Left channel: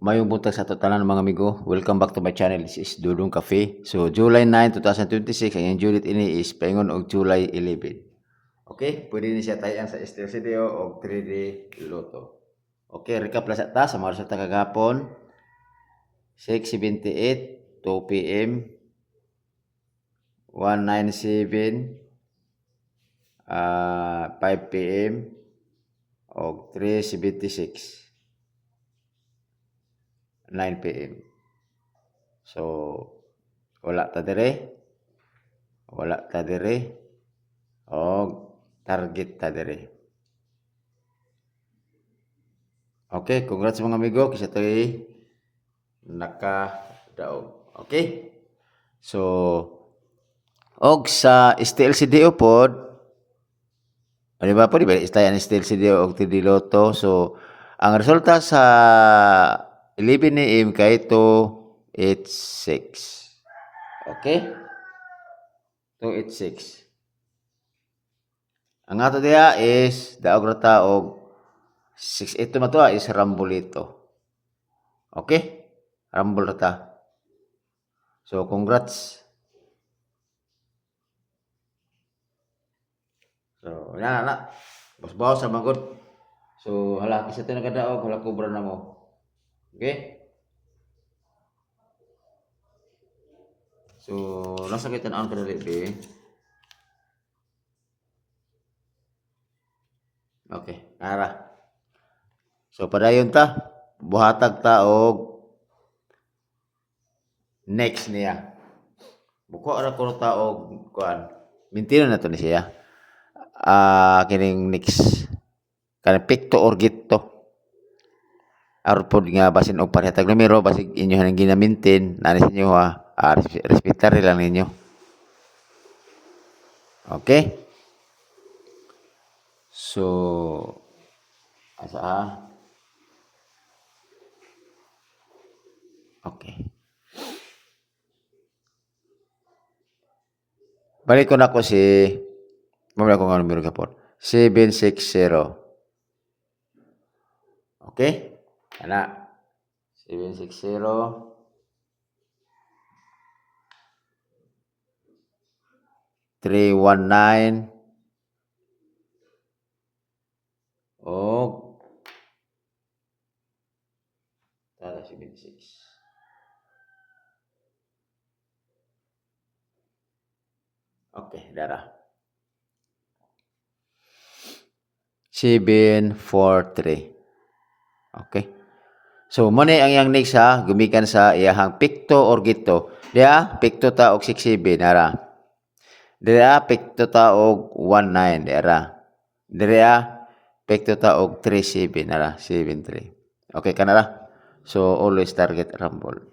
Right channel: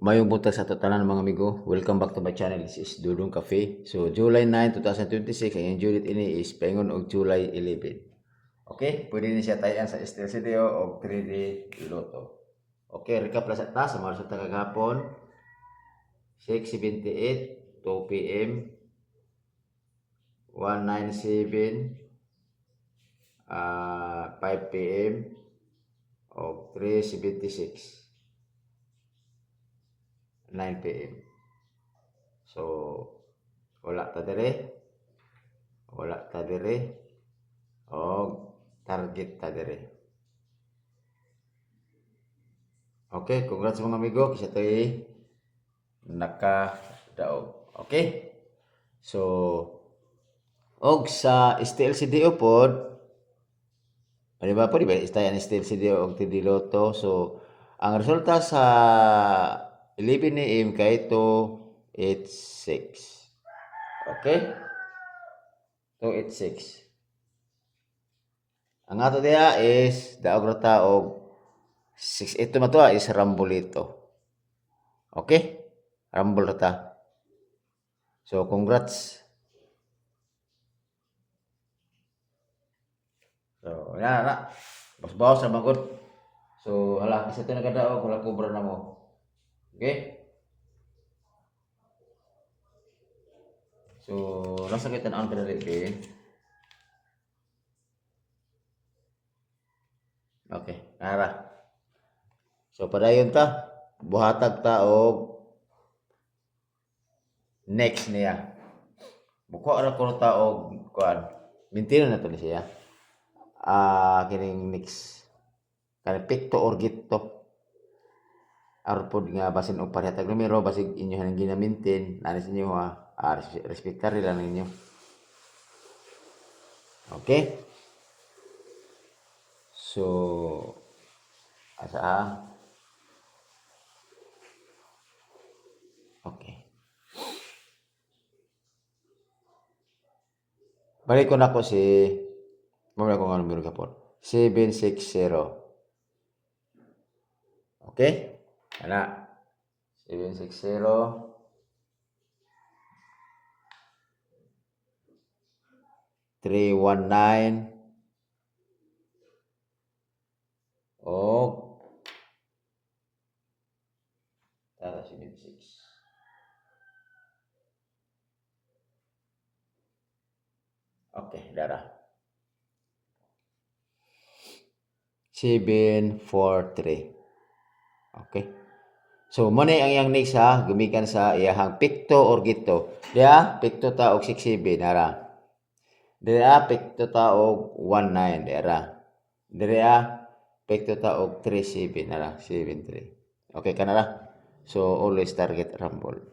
Mayong buntag sa totalan mga amigo. Welcome back to my channel. This is Dudong Cafe. So, July 9, 2026. Ang yung Julit ini is paingon og July 11. Okay? Pwede ni siya tayan sa STLCDO o 3D Lotto. Okay, recap lang sa ta sa mga resulta kagapon. 6:78, 2 p.m. 197, 5 p.m. o 3:76. 9 p.m. So, wala ta dire. Wala ta dire. O, target ta dire. Okay, congrats mga amigo. Kasi ito'y nakadaog. Okay? So, og sa STLCDO pod, di ba po, di ba? Istayan STLCDO og TD Lotto. So, ang resulta sa 11 AM kay 286. Okay? 286. Ang ato diya is daog rata og 6. Ito matua is Rambolito. Okay? Rumble rata. So, congrats. So, yan na. Bawas-bawas sa magod. So, hala, kasi ito nagadaog, hala kubra na mo. Okay? So, nasa kita na ang kadali. Okay, ara. So, padayon ta. Buhatag ta og next niya. Buko ra ko ta og kuan. Mintino na to ni siya. Kining next. Kanang pikto or gitto. Arpod nga basin og parihatag numero basig inyo hanang ginamintin nani sa inyo ha. Respetar lang ninyo. Okay? So, asa okay. Balik ko na ko si mamaya ko nga numero kapon. 760. Okay? Ana. 760. 319 o tara 76. Okay, dara. 743. Okay. So, muna ang yang next ha, gumikan sa iyahang pikto or gito. Diya, pikto ta og 67, nara. Diya, pikto ta og 19, dara. Diya, pikto ta og 37, nara, 73. Okay, kanara. So, always target rumble.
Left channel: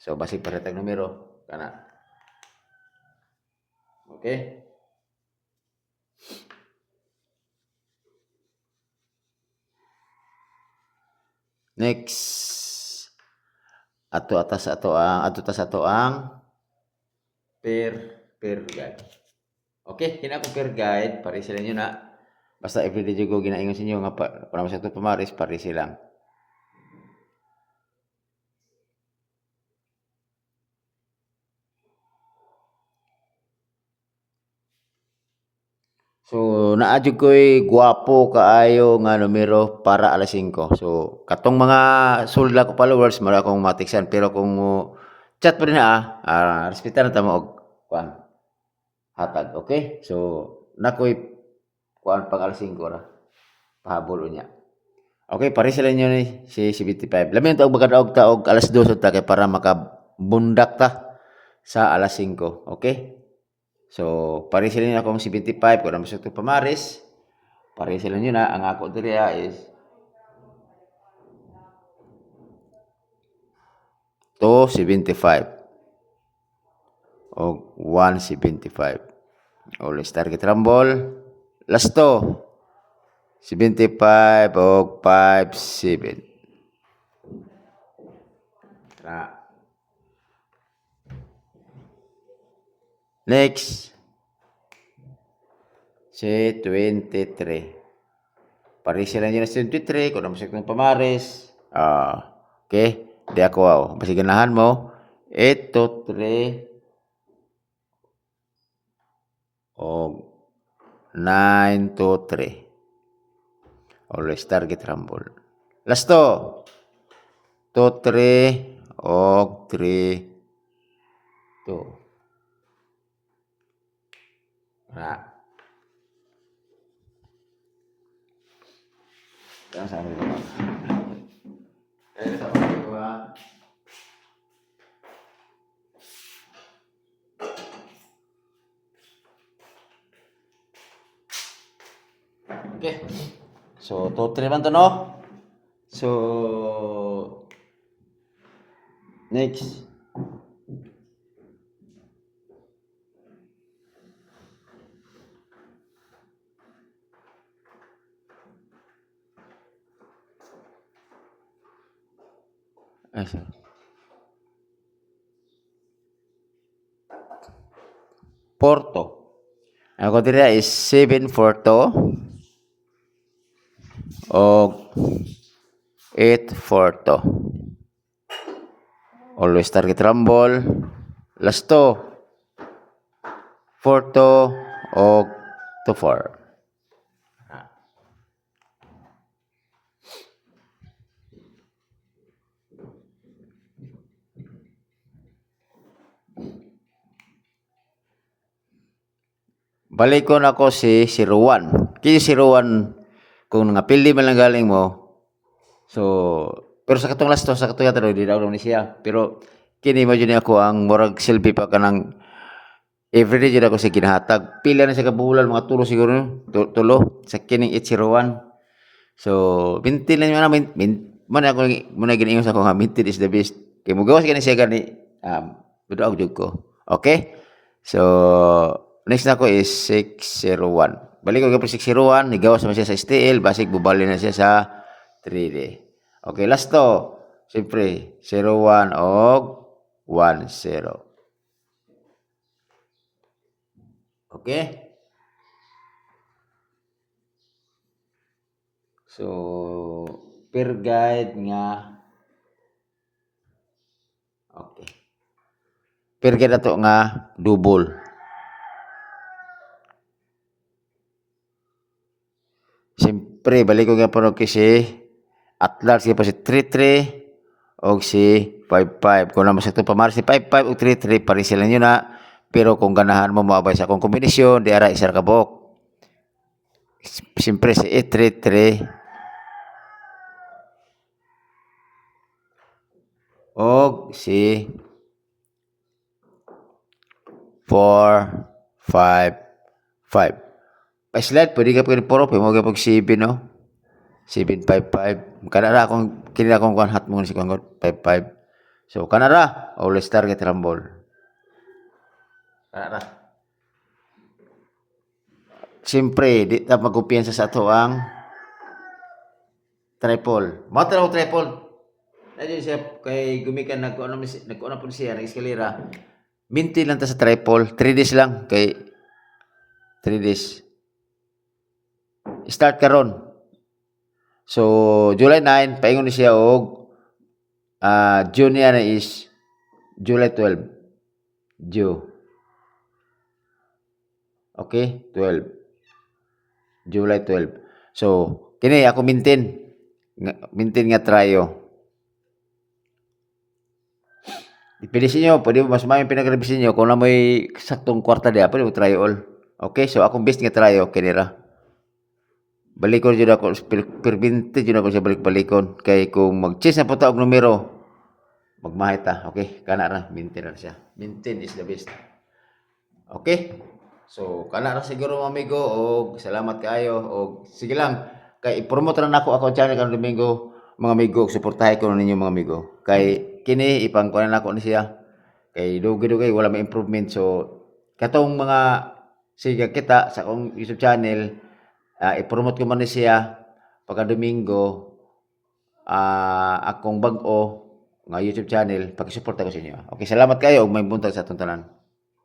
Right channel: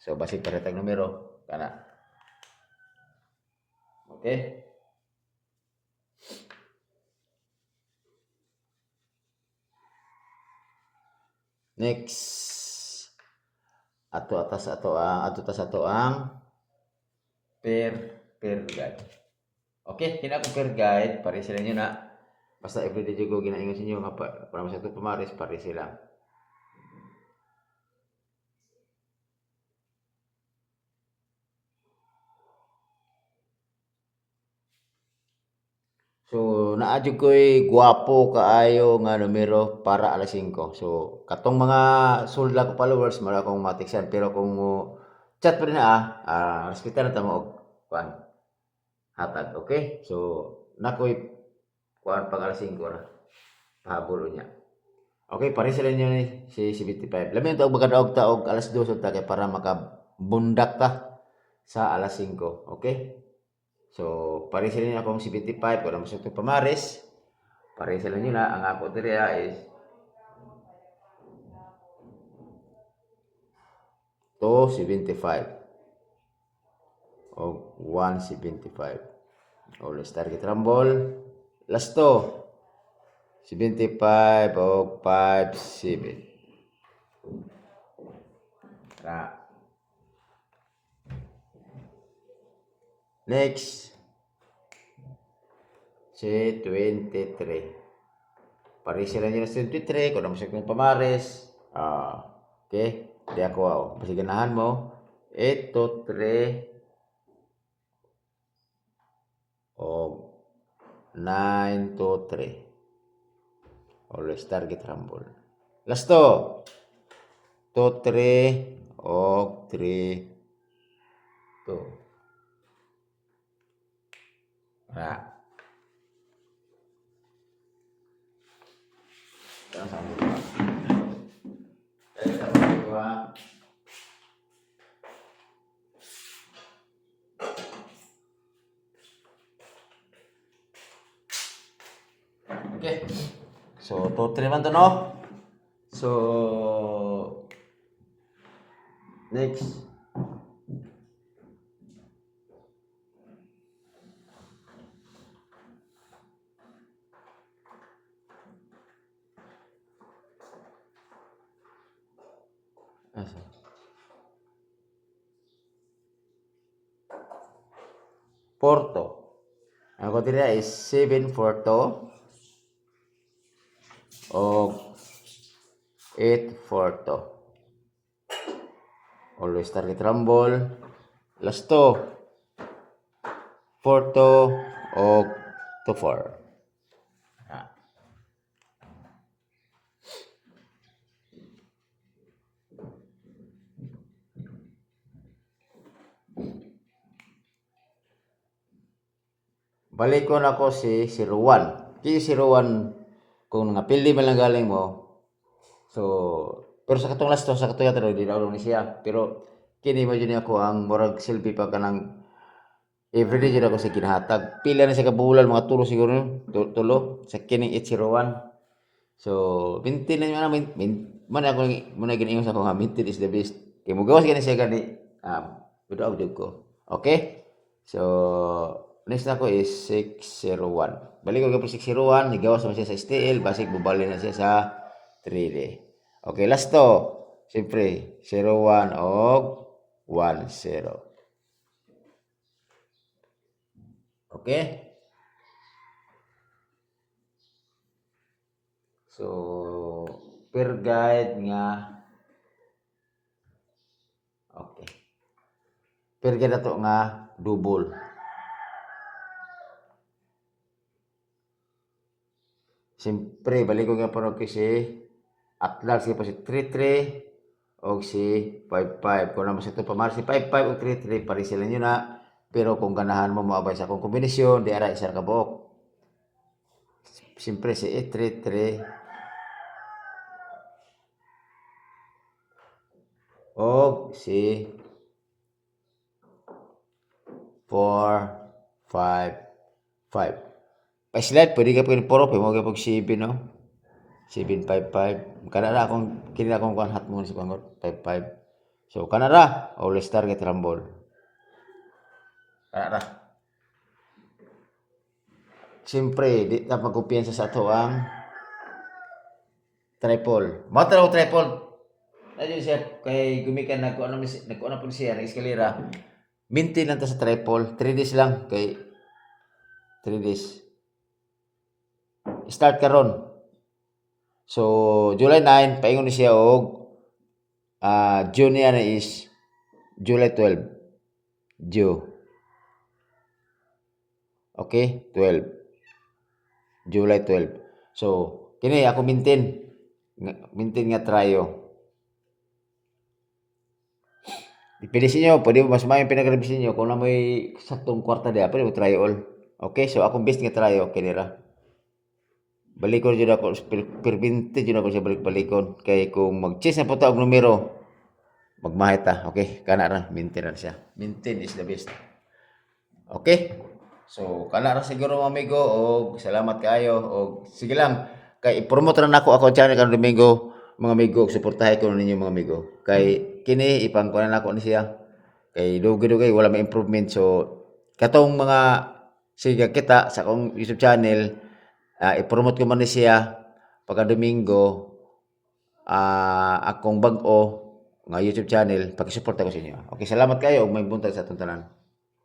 So, basig paretag numero, kana. Okay? Next. Ato ta sa ato ang per guide. Okay, kina ko per guide, pare sila nyo na. Basta everyday ko ginaingon sa inyo nga para sa ito pamaris, pare silang. So, naadyo ko'y guwapo kaayo nga numero para alas 5. So, katong mga sulda ko followers, mara akong matiksan. Pero kung chat pa rin na respetan na tamo og kuan hatag. Okay? So, nako'y kuan pag alas 5 ra. Pahabol niya. Okay, pare sila nyo ni si 75. Lamin taog magkadaog ta og alas 2 ta kay para makabundak ta sa alas 5. Okay? So, pare sila nyo akong 75. Kung naman sa ito pamaris, pare sila nyo na. Ang ako diri is 275 o 175. Always target rumble. Last 75 o 57. Next. Si 23. Pare sila nyo na si 23. Kung naman sa ito pamaris, Okay? Di ako wow. Basi ganahan mo 823 o 923. Always target rumble. Last to. 23 og 3 2. Ra. Sama dua. Sama dua. Okay. So, 2-3 man to, no? So, next. Ay, sorry. Porto. Ako dira is 7-4 o 8-4. Always target rumble. Last to 4 o 2-4. Balikon ako si Rowan. Kaya si Rowan, kung napili man lang galing mo, so, pero sa katong last to, sa katong yata, di daw ni siya. Pero, kini mo dyan ako ang morag selfie pa ka ng everyday dyan ako sa kinahatag. Pila na sa kabulan, mga tulo siguro, tulo, sa kining Rowan. So, mintin lang yun, muna ginayon sa ako nga, mintin is the best. Kaya mo gawas ka na siya gani, pero ako ko. Okay? So, next na ko is 601. Balik ko po 601, nigawas naman siya sa STL, basic bubali na siya sa 3D. Okay, last to. Siyempre, 01 og 10. Okay? So, per guide nga, okay. Per guide na to nga, double. Siyempre, balik ko nga po kasi at large siya pa si 3-3 o si 5-5. Kung naman sa ito pamar si 5-5 o 3-3, parin sila nyo na. Pero kung ganahan mo maabay sa akong kombinasyon, di ara isar kabok. Siyempre si 8-3-3 o si 4-5-5. Pa-slide, pwede ka pwede puro, pwede mo ka pag 7, no? 7-5-5. Kanara akong, kinila akong hat mo si Kwangot, 5-5. So, kanara, always target rumble. Kanara. Siyempre, di na magkumpiyansa sa ato ang triple. Matalaw triple. Nadyo siya, kay gumikan, nagkuano po siya, nag-eskalera. Minti lang ta sa triple. 3 days lang, kay 3 days. Start karon. So, July 9, paingon ni siya og June na is July 12. Okay? 12. July 12. So, kini ako maintain nga tryo. Dipili sa inyo, pwede mo mas maayong pinag-revise niyo kung na may saktong kwarta diya, pwede mo tryo all. Okay? So, akong best nga tryo, kinira. Balikon dyan ako, pervinti dyan ako siya balik-balikon. Kaya kung mag-chase na po taog numero, magmahit ta. Okay, kana ra, maintain ra siya. Maintain is the best. Okay? So, kana ra siguro mga amigo, o salamat kayo, o sige lang, kay i-promote ra nako ako channel kanang Domingo, mga amigo, suportahay ko ninyo mga amigo. Kay kini ipangkuan nako ni siya. Kay dugay-dugay wala may improvement. So, katong mga sige kita sa akong YouTube channel, i-promote ko man ni siya pagka Domingo, akong bag-o nga YouTube channel, pakisuporta ko sa inyo. Okay, salamat kayo ug may buntag sa atong tanan.